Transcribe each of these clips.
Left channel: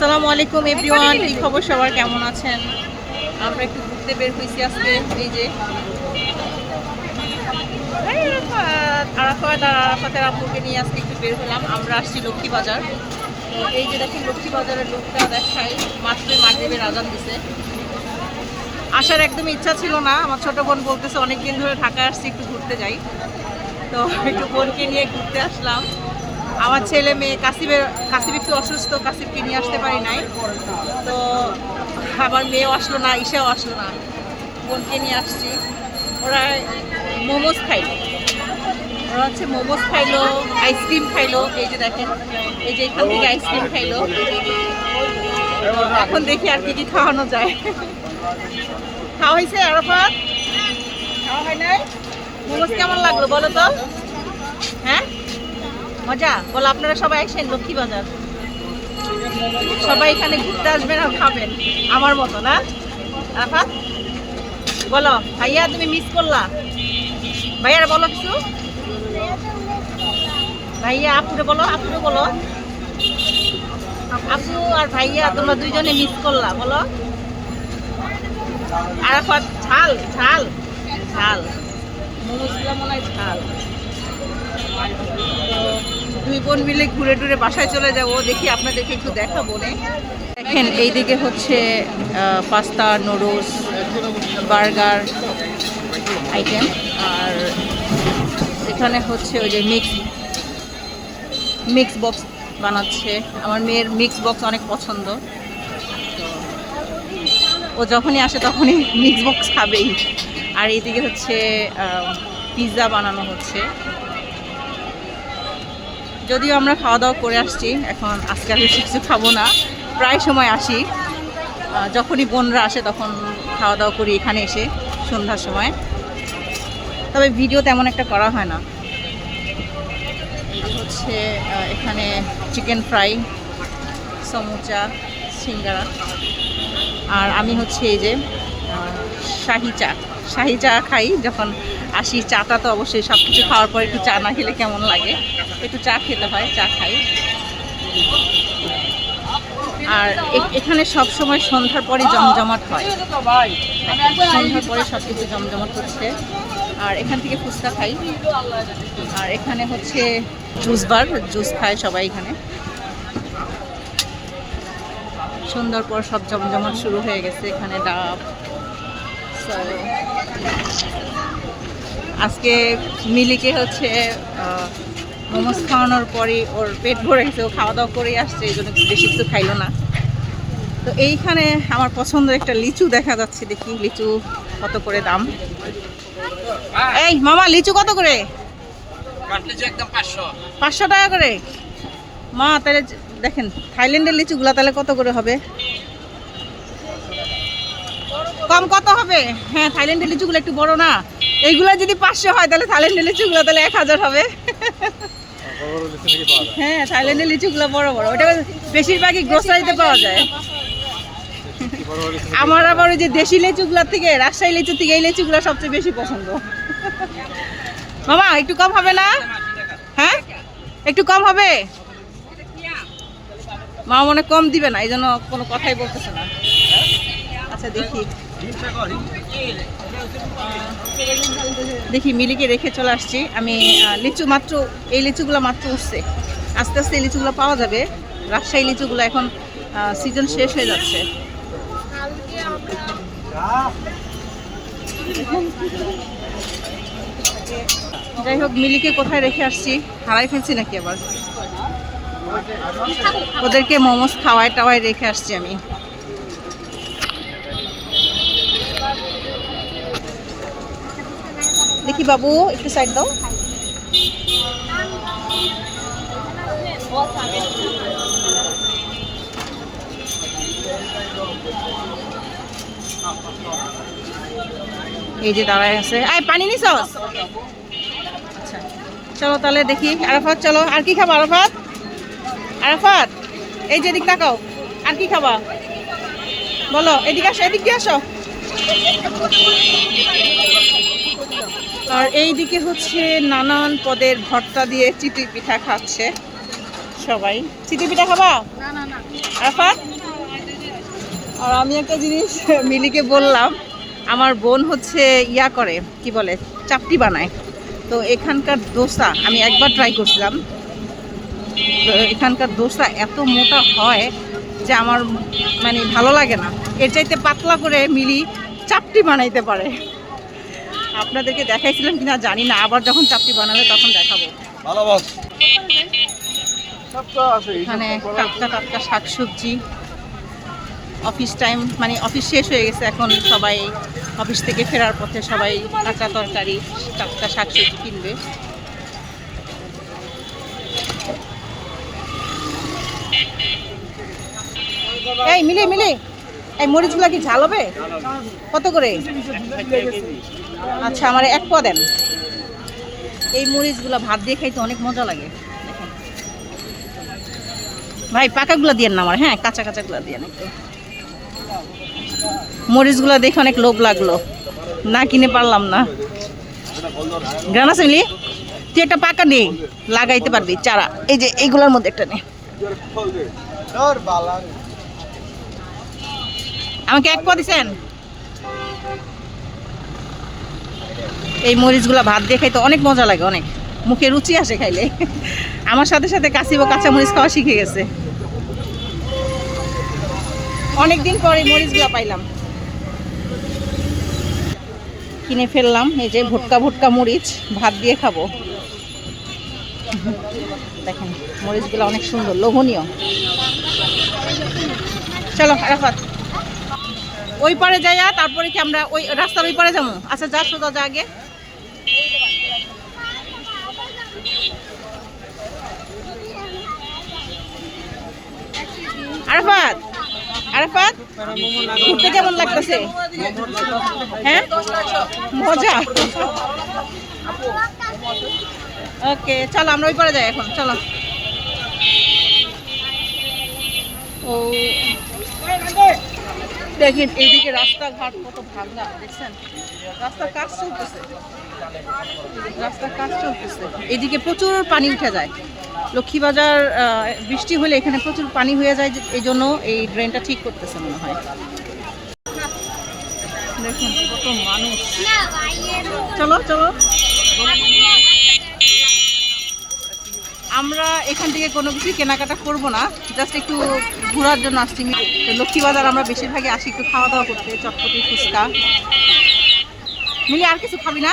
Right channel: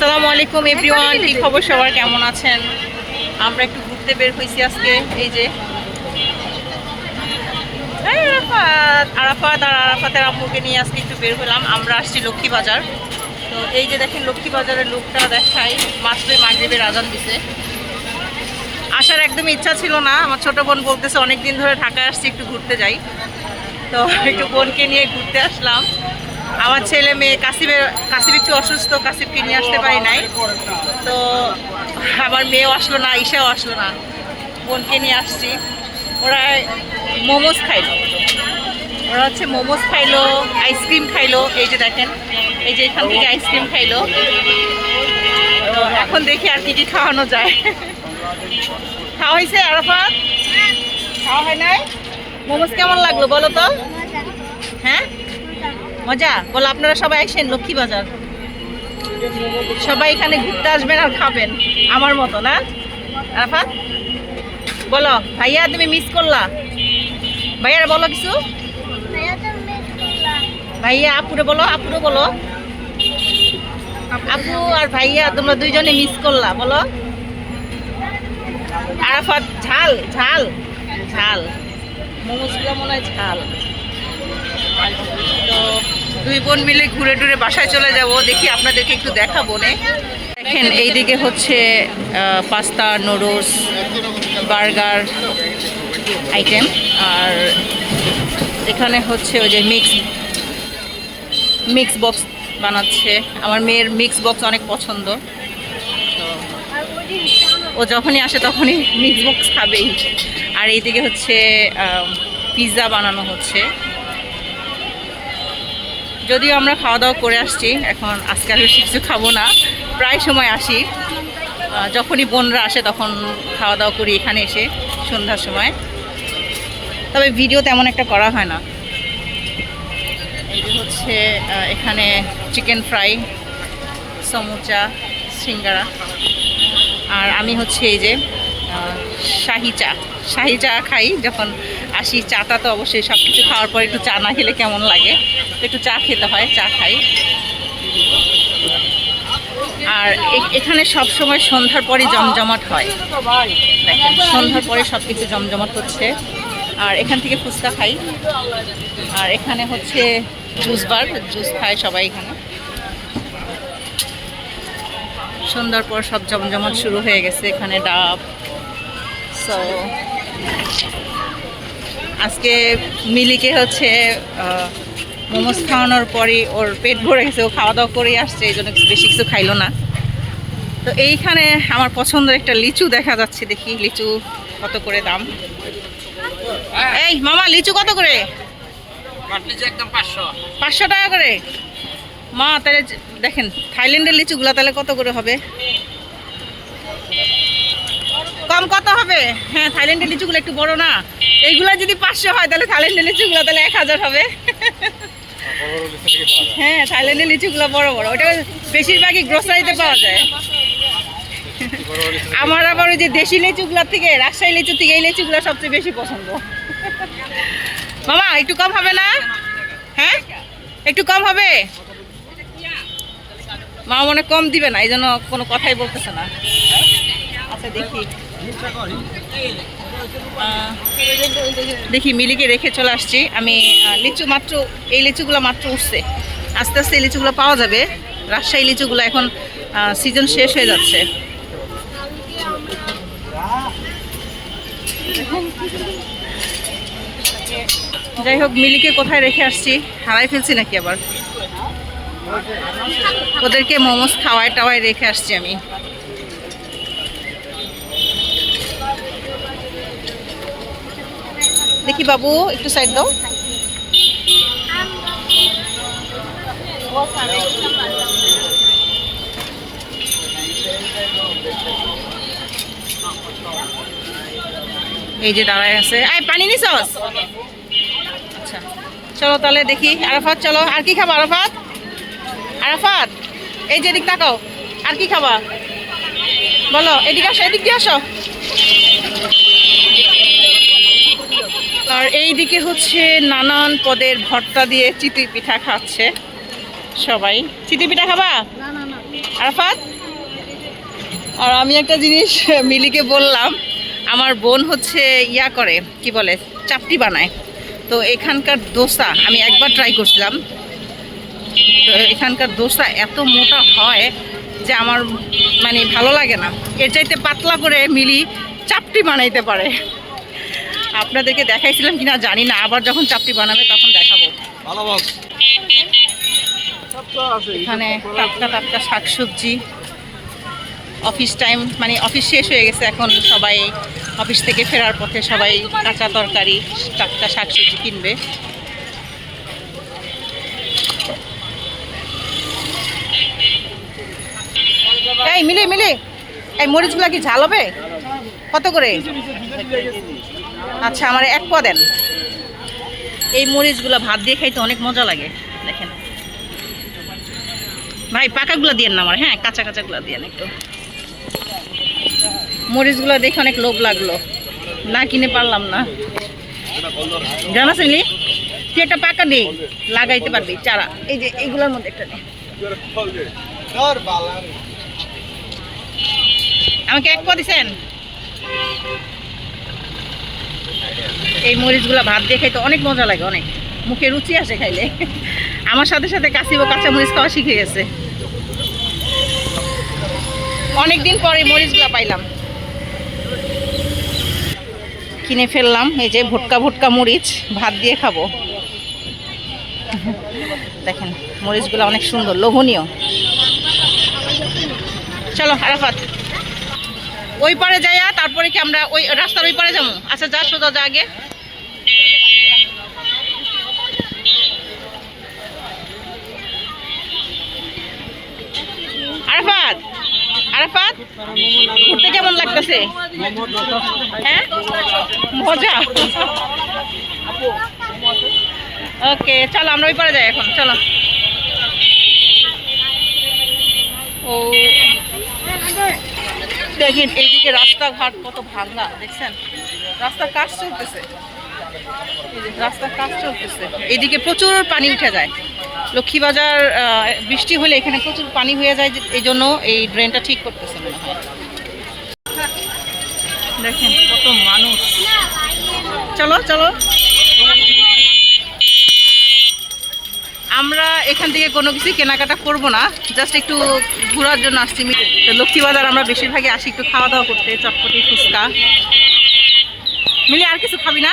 আসসালামু আলাইকুম এভরিওয়ান, কি খবর সবার, কেমন আছেন? আমরা একটু ঘুরতে বের হয়েছি আজকে। এই যে আরাফাত আর আরাফাতের আম্মুকে নিয়ে আজকে একটু বের হলাম। আমরা আসছি লক্ষ্মীবাজার। তো এই যে দেখেন লক্ষ্মীবাজারের লোকটা দেখাই, মাত্রই মাগরিবের আজান দিছে। আসার একদমই ইচ্ছা ছিল না, আমার ছোট বোন বলতেছে অনেকদিন ধরে ঢাকায় আসছি, একটু ঘুরতে যাই। তো একটু বোনকে নিয়ে ঘুরতে আসলাম। আমার ছেলে মেয়ে কাসিব একটু অসুস্থ, কাসিবকে নিয়ে আসতে পারি নাই। তো আমার মেয়েও আসলো না, ঈশাও আসলো না, বোনকে নিয়ে আসছি। ওরা মোমোস খাইলো, ওরা হচ্ছে মোমোস খাইলো, আইসক্রিম খাইলো। এই যে দেখেন, এই যে এখান থেকে আইসক্রিম খাইলো। তো এখন দেখি আর কি কি খাওয়ানো যায়। খাওয়া হয়েছে আরাফাত? খাওয়া হয় নাই? মোমোস কেমন লাগলো বলো তো? হ্যাঁ মজা? বলো আপনারা সবাই আসেন লক্ষ্মীবাজার, সবাই এখানে ঘুরতে আসবেন আর খাবেন আমার মতো, না? আরাফাত বলো, ভাইয়া তুমি মিস করলা? ভাইয়ার বলো কিছু। ভাইয়া আপুরে বলো, আপুরে বলো। আপু আর ভাইয়া তোমরা দুইজনে মিস করলা, বলো। আরাফাত ঝাল ঝাল ঝাল মোমোসগুলো মনে হয় ঝাল। তো দুই বোন মিলে ঘুরে টুরে বাসায় চলে যাব, দেখি আপনাদেরকে একটু দেখাবো। দেখেন এইদিকে হচ্ছে পাস্তা, নুডলস, বার্গার আইটেম, আর এখানে হচ্ছে ওই যে মিক্স বক্স বানাচ্ছে। আমার মেয়ের মিক্স বক্স অনেক পছন্দ, তো ও যখনই আসে তখনই মিক্স বক্স খাবেই। আর এইদিকে হচ্ছে পিৎজা বানানো হচ্ছে। যদিও আমরা খাওয়া দাওয়া করে আসছি, এখন আজকে আর বেশি কিছু খাবো না, প্রায় সময় আসি। যখনই বোনরা আসে তখন খাওয়া দাওয়া করি এখানে এসে সন্ধ্যার সময়, তবে ভিডিও তেমন একটা করা হয় না। এই যে হচ্ছে এখানে চিকেন ফ্রাই, সমুচা, সিঙ্গারা। আর আমি হচ্ছে এই যে শাহি চা খাই যখন আসি। চাটা তো অবশ্যই, সব কিছু খাওয়ার পর একটু চা না খেলে কেমন লাগে, একটু চা খেতে হয়, চা খাই। আর এখানে সব সময় সন্ধ্যার পরে জমজমাট হয়, সন্ধ্যার পরে সব কিছু জমজমাট হচ্ছে। আর এখান থেকে ফুচকা খাই, আর এখানে হচ্ছে জুস বার, জুস খায় সবাই এখানে। সন্ধ্যার পর সব জমজমাট শুরু হয়ে গেছে এখানে, ডাব। সো আজকে মিলিকে হচ্ছে মোমোস খাওয়ানোর পরই ওর পেট ভরে গেছে, ও খাওয়া দাওয়া করেই আসছে, এই জন্য বেশি কিছু খাইলো না। তো এইখানে আমার পছন্দের একটা লিচু দেখা যাচ্ছে, দেখি লিচু কত করে দাম। এই মামা, লিচু কত করে? 500 টাকা করে। মা তাহলে দেখেন থাইল্যান্ডের লিচুগুলা তাহলে কত করে হবে? কম কত হবে? হ্যাঁ থাইল্যান্ডের লিচুগুলো একটু বড় না, এইগুলা যদি 500 হয় তাহলে থাইল্যান্ডের লিচুগুলো তাহলে 1000 হবে। হ্যাঁ থাইল্যান্ডের লিচুগুলো বড় বড়, ওটা বেশিরভাগই গ্রোসারিতে পাওয়া যায়। আমার আবার ওই যে দেশি লিচুগুলোর থেকে, রাজশাহী লিচু থেকে এই লিচুগুলো সবচেয়ে বেশি পছন্দ। মামা একটু কম হবে না? হ্যাঁ একটু কম হবে? মামা মনে কম দিবে না, এই জন্য কোনো কথাই বলতেছে না। আচ্ছা দেখি মিলিকে রেখে চলে আসছি আমি। লিচু মাত্র, এই লিচুগুলো মাত্র উঠছে, আস্তে আস্তে এই লিচুগুলো পাওয়া যাবে। রাজশাহী লিচুগুলো এখন সিজন শেষ হয়ে যাচ্ছে। যাই হোক, মিলিকে কোথায় রেখে আসছি, হারাই ফেলছি নাকি আবার? ওদেরকে মোমোস খাওয়ায় টাওয়ায় রেখে আসছি আমি। দেখি বাবু একটু সাইড দাও। এই যে দাঁড়ায় আছে। আয় পানি নিছস? আচ্ছা চলো তাহলে দেখি। আরাফাত চলো, আর কি খাবা আরাফাত? আরাফাত এই যে এদিক তাকাও, আর কি খাবা বলো? এদিকে আসো, এদিক দিয়ে আসো। আর এইদিকে হচ্ছে নানান পদের ভর্তা দিয়ে চিতই পিঠা খাচ্ছে সবাই। চিতই পিঠা খাবা? আরাফাত, আর আমি একটা জিনিস মিলিকে বললাম, আমার বোন হচ্ছে ইয়া করে কি বলে চাপটি বানায়। তো এখানকার দোসা আমি একবার ট্রাই করছিলাম। তো এখানকার দোসা এত মোটা হয় যে আমার মানে ভালো লাগে না। এর চাইতে পাতলা করে মিলি চাপটি বানাইতে পারে। আপনাদেরকে দেখাইছিলাম কিনা জানি না, আবার যখন চাপটি বানাবে তখন দেখাবো। এখানে টাটকা টাটকা শাকসবজি, অফিস টাইম মানে অফিস শেষ হয়ে গেছে, এখন সবাই অফিস থেকে ফেরার পথে সবাই কাঁচা তরকারি টাটকা শাকসবজি কিনবে। এই মিলে মিলে এই মরিচগুলা কি ঝাল হবে? কত করে? আচ্ছা আমার এক পোয়া দেন। এই মরিচগুলা ভাত দিয়ে খাইতে অনেক মজা লাগে। দেখেন ভাই, পাকাগুলো দিয়ে না আমার, হ্যাঁ কাঁচা কাঁচাগুলো দিয়ে একটু। মরিচগুলো দেখে অনেক লোভ লাগলো, না কিনে পারলাম না। জানা শুনলি তুই একটা পাকা নেই, লাগাইতে পারবি চারা। এই যে এইগুলোর মধ্যে একটা নেই। আমাকে এক পা দিছেন। এই মরিচগুলো ভাত দিয়ে খাইতে অনেক মজা লাগে, অনেক মুখে রুচি আসে খাইলে। আমার সাথে সাথে কাশিবো কাঁচা মরিচ খাওয়া শিখে গেছে। অনেকদিন পরে মরিচগুলো পাইলাম, কিনে ফেললাম। এই যে ভুটকা ভুটকা মরিচ, ভাত দিয়ে খাবো। দেখেন মরিচগুলো অনেক সুন্দর, লোভনীয়। চলো আরাফাত, ওই পারে যাইয়া তারপরে কি আমরা ওই রাস্তার ওই পারে যাবো? আচ্ছা যা, সোজা যা আগে। আরাফাত, আরাফাত ঘুরতে কেমন লাগতেছে? হ্যাঁ মজা। ওকে চলো আমরা ওই পারে যাই এখন, চলো। ও দেখেন এইদিকে রাস্তাঘাট কত ভাঙা, দেখছেন? রাস্তার কাজ চলতেছে, রাস্তার কাজ চলতেছে। এইদিকে প্রচুর পানি উঠে যায়। লক্ষ্মীবাজার বৃষ্টি হলে এখানে প্রচুর পানি হয়ে যায়, এই জন্য এই ড্রেনটা ঠিক করতেছে মনে হয়। দেখেন কত মানুষ। চলো চলো, আমরা এখান থেকে কোনো কিছু কেনাকাটা করব না, জাস্ট একটু ঘোরার জন্য আসছি। লক্ষ্মীবাজার আমরা বেশিরভাগই আসি একটু খাওয়া দাওয়া করতে, চটপটি ফুচকা। মিলি আর কিছু খাবি না?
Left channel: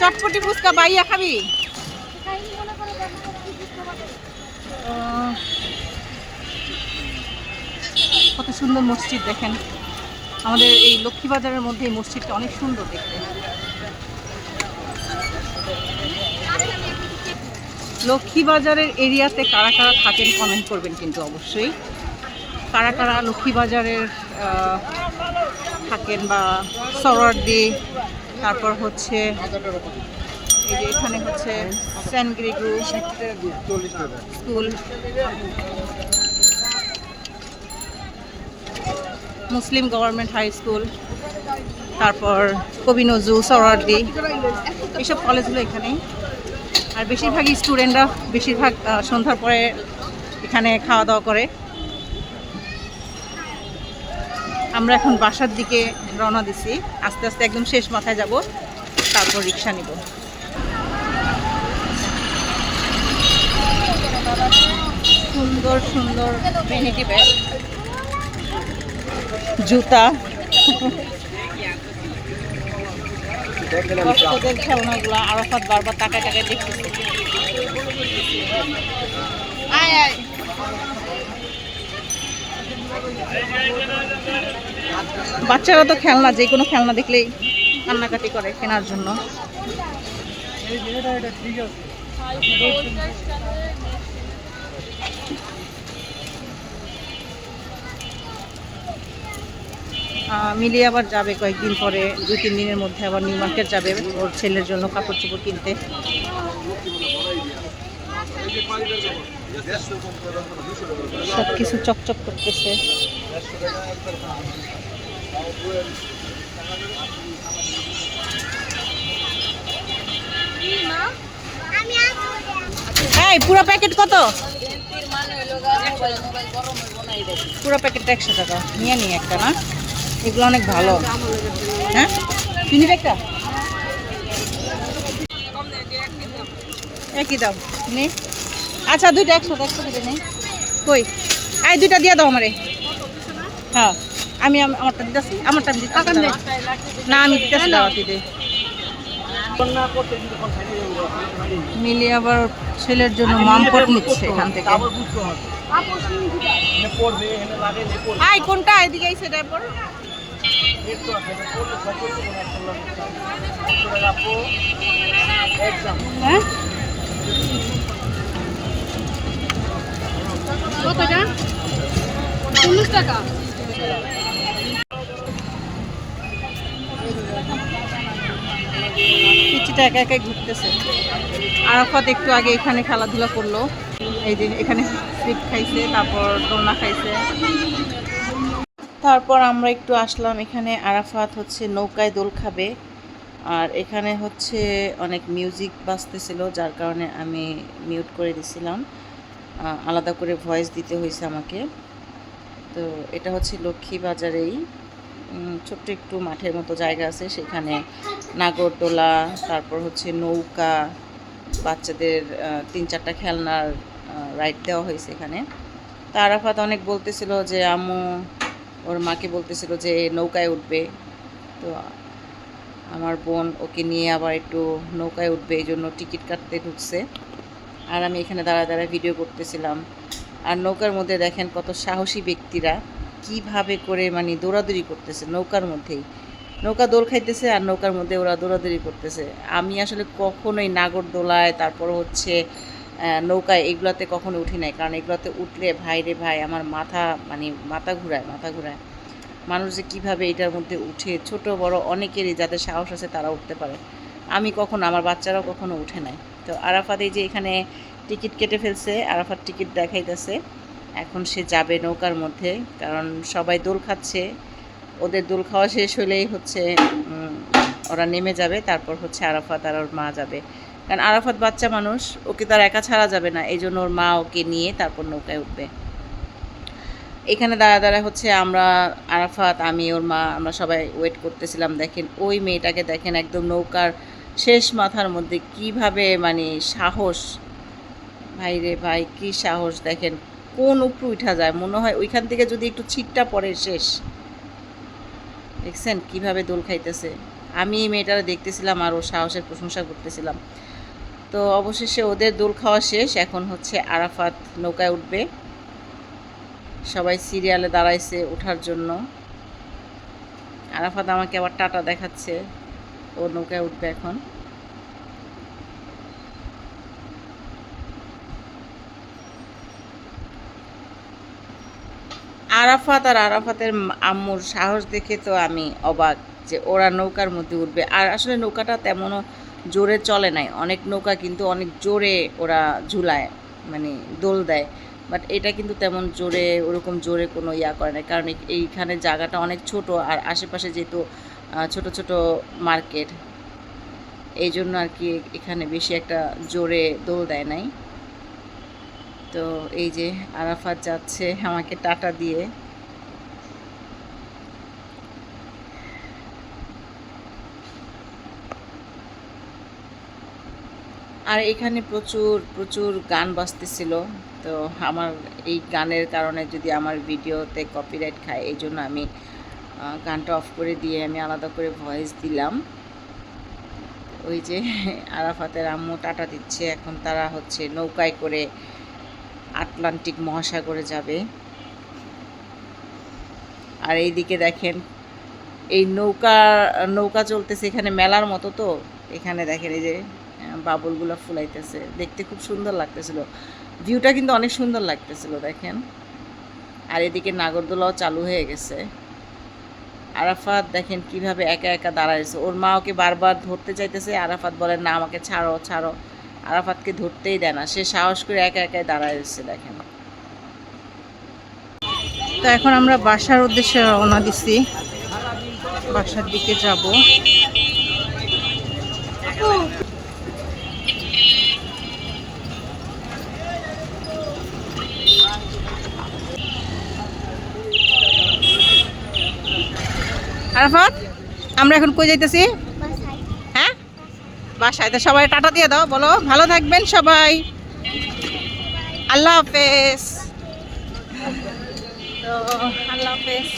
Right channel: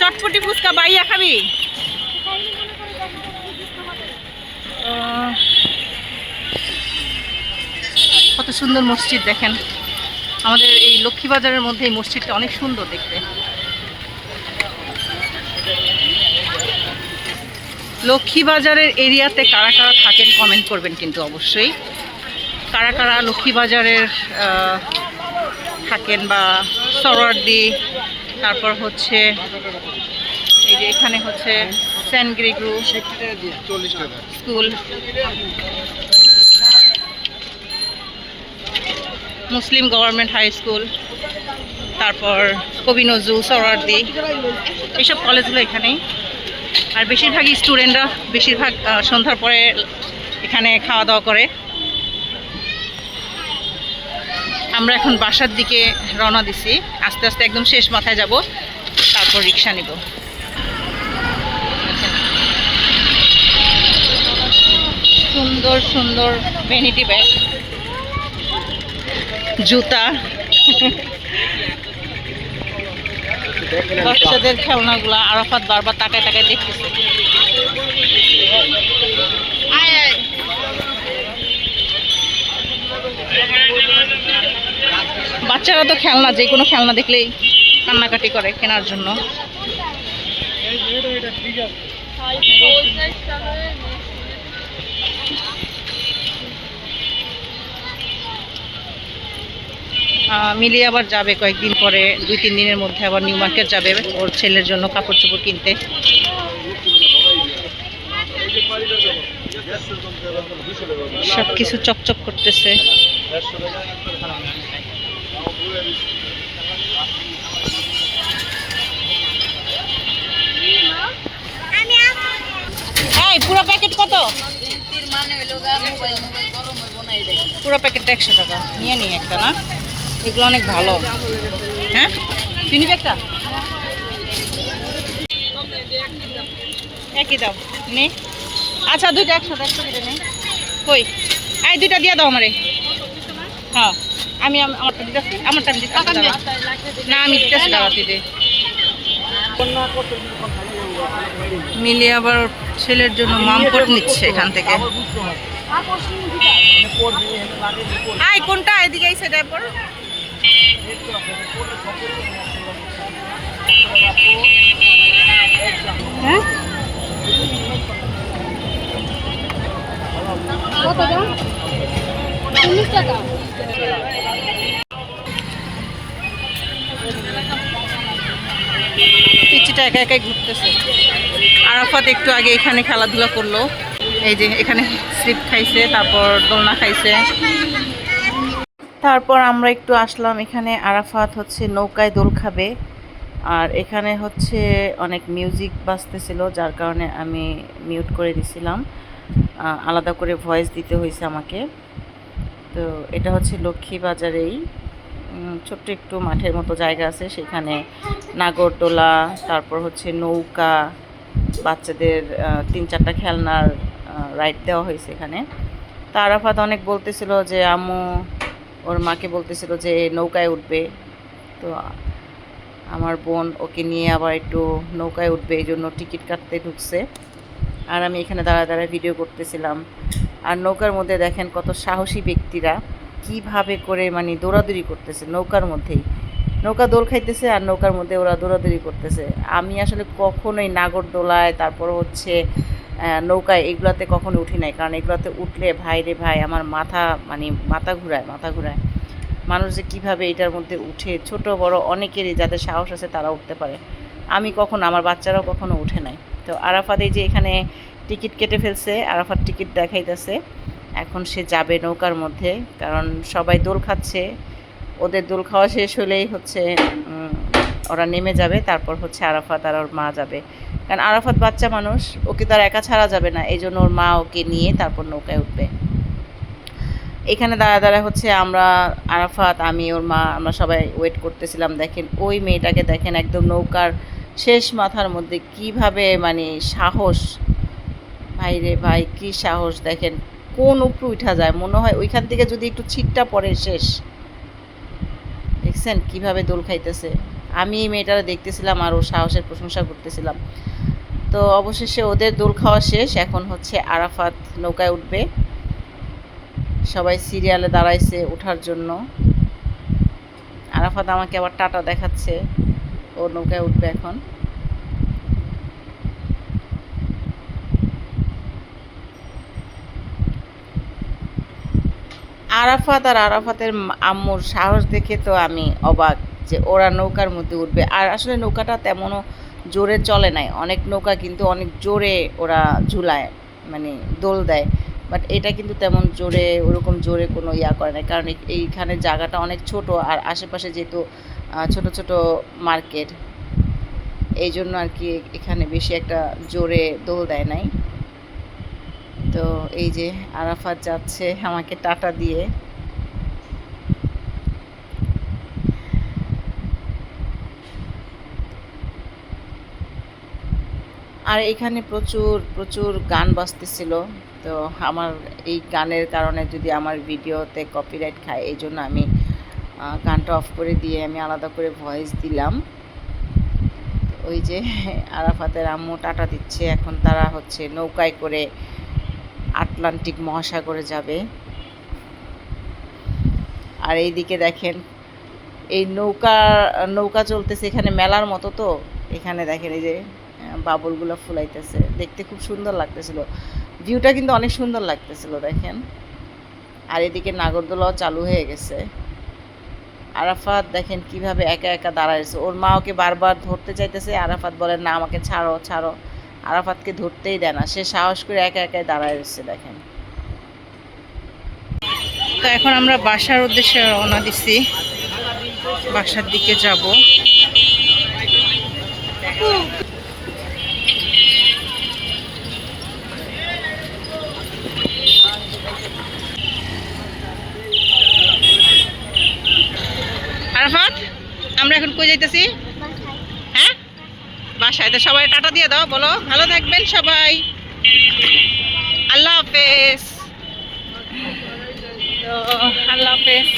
চটপটি ফুচকা বাইয়া খাবি? কত সুন্দর মসজিদ দেখেন। আমাদের এই লক্ষ্মীবাজারের মধ্যে এই মসজিদটা অনেক সুন্দর দেখতে। লক্ষ্মীবাজারের এরিয়াতে কারা কারা থাকেন কমেন্ট করবেন কিন্তু অবশ্যই। কারা কারা লক্ষ্মীবাজারের থাকেন, বা সরোয়ার্দী, তারপর হচ্ছে এই যে এখানে হচ্ছে সেন্ট গ্রেগরি স্কুল, মুসলিম গভর্নমেন্ট হাই স্কুল, তারপর কবি নজরুল, সরোয়ার্দী, এইসব কলেজগুলো এখানেই। আর বেশিরভাগই স্টুডেন্টরা বেশিরভাগ সন্ধ্যার পরে এখানে খাওয়া দাওয়া করে। আমরা এখন বাসার দিকে রওনা দিছি, আস্তে আস্তে একদম শেষ মাথায় যাব, তারপর রিক্সা নিব। সুন্দর সুন্দর ভ্যানিটি ব্যাগ, জুতা, বাচ্চাদের খেলনাগুলো। আরাফাত বারবার তাকায় তাকায় দেখতেছে। বাচ্চারা তো খেলনা, যে কোনো খেলনা দেখলেই কান্নাকাটি করে কেনার জন্য। মিলি আবার যাবে কয়েকদিন পরে, 2-3 দিনের মধ্যে আবার নিউ মার্কেট যাবে ওর ছেলের জন্য কাপড় চোপড় কিনতে। সব কিছু চকচক করতেছে। এই পুরো প্যাকেট কত? পুরো প্যাকেটটা 100 টাকা। নিয়ে নিই একটা না, এগুলো অনেক ভালো। হ্যাঁ তুই নিবি একটা? একই দাও নে। আচ্ছা দুইটা 100 কেটে নে। কই এই দুইটা দিয়ে দাও আমারে। হ্যাঁ আমি আমারটা দিতেছি, আমারটা আমি দিতেছি। না আমি দিতেছি, দাও তুই দে। মিলি আবার ছেলের জন্য মামপট নিচ্ছে এখান থেকে। আই কোনটা এদিকে আইছে তারপর হ্যাঁ কতটা 40 টাকা। পিচিটা একা একাই ঘুরতেছে। আরাফাত একটু আগে এখানে খেলাধুলা করলো, এই যে এখানে স্লিপ খাইছে, তারপর দোলনা খাইছে। তারপর আমরা একটু আসলাম এখানে। আরাফাত হচ্ছে নৌকায় দোল খাবে, আর এখানে হচ্ছে অনেক মিউজিক বাজতেছিল, যার কারণে আমি মিউট করে দিছিলাম, আলাদা করে ভয়েস দিতে হয়েছে আমাকে। তো এটা হচ্ছে লক্ষ্মীবাজারেই ছোট্ট একটু মাঠের মতো জায়গা আছে, সেখানে নাগরদোলা, তারপর হচ্ছে নৌকা, বাচ্চাদের 3-4টা খেলনার রাইড দেওয়া হয়েছে এখানে। তা আরাফাত অনেক বলতেছিল যে আম্মু, ওর মাকে বলতেছিল যে নৌকায় উঠবে। তো আমার বোন ওকে নিয়ে আবার একটু নৌকায় উঠবে, এই জন্য টিকিট কাটতে ঢুকছে, আর আমি এখানে দাঁড়ায় দাঁড়ায় ভিডিও করতেছিলাম। আর নৌকার মধ্যে দেখেন কত সাহসী ব্যক্তিরা কিভাবে করে মানে দৌড়াদৌড়ি করতেছে নৌকার মধ্যেই। নৌকা দোল খাইতেছে আর নৌকার মধ্যে ওরা দৌড়াদৌড়ি করতেছে। আমি আসলে কখনোই নাগরদোলায়, তারপর হচ্ছে নৌকায়, এগুলাতে কখনো উঠি নাই, কারণ এগুলাতে উঠলে ভাই রে ভাই আমার মাথা ঘুরায়। মানুষ যে কীভাবে এটার মধ্যে উঠে, ছোট বড় অনেকেরই যাদের সাহস আছে তারা উঠতে পারে। আমি কখনো, আমার বাচ্চারাও কখনো উঠে নাই। তো আরাফাত এই যে এখানে টিকিট কেটে ফেলছে, আরাফাত টিকিট দেখাইতেছে, এখন সে যাবে নৌকার মধ্যে, কারণ সবাই দোল খাচ্ছে। ওদের দোল খাওয়া শেষ হলেই হচ্ছে ওরা নেমে যাবে, তারপর হচ্ছে আরাফাত আর ওর মা যাবে, কারণ আরাফাত বাচ্চা মানুষ, ওকে তার একা ছাড়া যাবে না, এই জন্য ওর মা ওকে নিয়ে তারপর নৌকায় উঠবে। এখানে দাঁড়ায় হচ্ছে আমরা, আরাফাত, আমি, ওর মা, আমরা সবাই ওয়েট করতেছিলাম। দেখেন ওই মেয়েটাকে দেখেন, একদম নৌকার শেষ মাথার মধ্যে কিভাবে মানে সাহস, ভাই রে ভাই কি সাহস! দেখেন কোন উপরে উঠা যায়, মনে হয় ওইখান থেকে যদি একটু ছিটটা পড়ে শেষ। দেখছেন কিভাবে দোল খাইতেছে। আমি এই মেয়েটারা দেখতেছিলাম আর ওর সাহসের প্রশংসা করতেছিলাম। তো অবশেষে ওদের দোল খাওয়া শেষ, এখন হচ্ছে আরাফাত নৌকায় উঠবে। সবাই সিরিয়ালে দাঁড়াইছে ওঠার জন্য। আরাফাত আমাকে আবার টাটা দেখাচ্ছে, ও নৌকায় উঠবে এখন। আরাফাত আর আরাফাতের আম্মুর সাহস দেখে তো আমি অবাক, যে ওরা নৌকার মধ্যে উঠবে। আর আসলে নৌকাটা তেমনও জোরে চলে নাই, অনেক নৌকা কিন্তু অনেক জোরে ওরা ঝুলায়, মানে দোল দেয়, বাট এটা কিন্তু তেমন জোরে, ওরকম জোরে কোনো ইয়া করে না, কারণ এইখানে জায়গাটা অনেক ছোট, আর আশেপাশে যেহেতু ছোট ছোট মার্কেট, এই জন্য আর কি এখানে বেশি একটা জোরে দোল দেয় নাই। তো এই যে আরাফাত যাচ্ছে আমাকে টাটা দিয়ে। আর এখানে প্রচুর প্রচুর গান বাজতেছিল। তো আমার এই গানের কারণে যদি আমার ভিডিওতে কপিরাইট খায়, এই জন্য আমি গানটা অফ করে দিয়ে আমি আলাদা করে ভয়েস দিলাম। ওই যে আরাফাতের আম্মু টাটা দিচ্ছে, এখন তারা হচ্ছে নৌকায় করে আটলান্টিক মহাসাগরে যাবে। আর এইদিকে দেখেন এই নৌকা চলতেছে, এখানে মেলার মতো, তো এখানে দেখেন এই যে বাবুলগুলো ফুলাইতেছে, দেখতে খুব সুন্দর লাগতেছিল, ভিউটা কিন্তু অনেক সুন্দর লাগতেছিল দেখেন। আর এদিকে নাগরদোলাও চালু হয়ে গেছে। আরাফাত দেখেন কিভাবে একা একা দাঁড়াইছে, ওর মা ওকে বারবার ধরতে চাইতেছে, আরাফাত বলেন না আমাকে ছাড়ো ছাড়ো, আরাফাতকে ধরতেই দেয় না, সে সাহস করে একা একাই দাঁড়ায় রয়েছে দেখেন। তো এখন আমরা বাসার উদ্দেশ্যে রওনা দিছি, বাসার দিকে যাব। আরাফাত আমরা এখন কই যাইতেছি? হ্যাঁ বাসায়। তো সবাই টাটা দিয়ে দাও, বলো ভালো থাকবেন সবাই, আল্লাহ হাফেজ। তো আল্লাহ হাফেজ।